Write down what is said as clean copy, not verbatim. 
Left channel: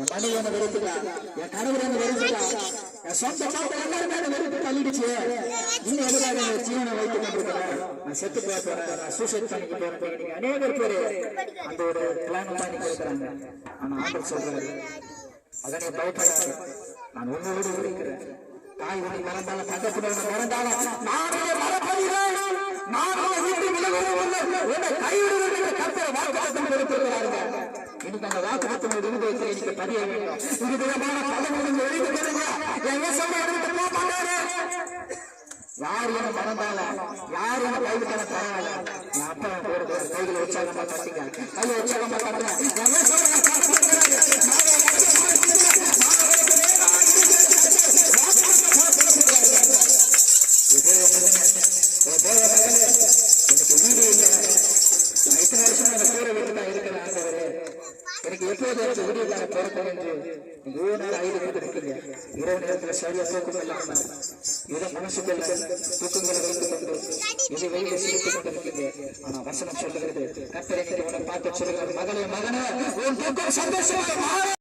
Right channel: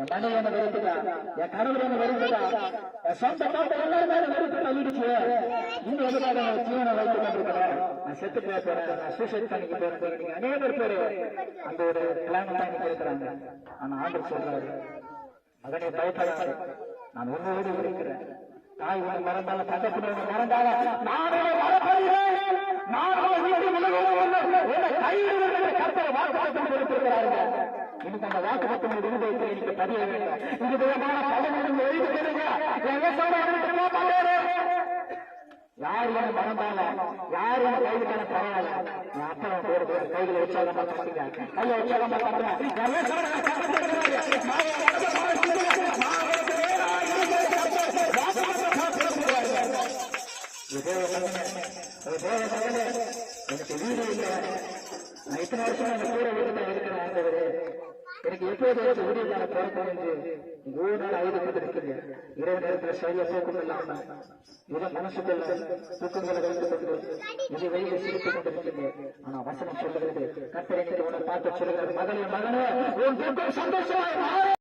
என் மனைவி என்ன வெறுத்துட்டா, என் கணவர் என்ன வெறுத்துட்டா, என் சொந்த பாட்டை எல்லாருமே வெறுத்து தள்ளிடுச்சு. இன்னும் எதுக்காக ஜீவனை வைத்து கொண்டிருக்கிறேன், நான் செத்து போறேன், நான் சூசைட் பண்ணிக்க போறேன். நீங்க அநேக பேரு அந்த ஒரு பிளான் தான் நீங்க இருக்கிறாங்க. ஆனா ஆண்டவர் சொல்றாரு, மகனே பயப்படாது, நான் உன்னோடு இருக்கிறேன். தாய் உன்னை மறந்தால, பக்கத்துல மறந்தால, நானே மறப்பதில்லை, நானே உன்னை விலகுவதில்லை, உன்னை கைவிடுவதில்லை. கர்த்தர் வாக்குத்தத்தம் கொடுத்திருக்கிறார்கள். இன்னைக்கு அந்த வாக்குத்தத்தம் இருதயத்தில் இன்னைக்கு பதிய வேண்டும். இது விதமான தலைமுறை எழுதி பெறுங்க. யார் என்ன மறந்தால, யார் என்ன கைவிட்டால பரவாயில்ல, என் அப்பா போடுற கைகளை உற்சாகமா தட்டிங்க, கையை உற்சாகமா தட்டுங்க. எனக்கு வீடு இல்லை, நான் இத்தனை வருஷம் அந்த கூரை வீட்டுல இருக்கிறேன். ஆண்டவரே, எனக்கு எப்போது வீடுக்கான பிறக்கும் என்று நீங்க ஒவ்வொரு நாள் ஐந்து கொடுத்துருக்கீங்க. இரவு நேரத்துல சரியா தூக்கம் இல்லாம இதை மனசுக்குள்ள தூக்கங்களை வைத்துக் கொண்டு இதை வைத்து சிரித்துக் கொண்டிருக்கீங்க. ஆனா வசனம் சொல்லுகிறது, கர்த்தரை உன்னை பார்த்து சொல்லுகிறது, மகளே மகனே, உன் தூக்கம் சந்தோஷமாக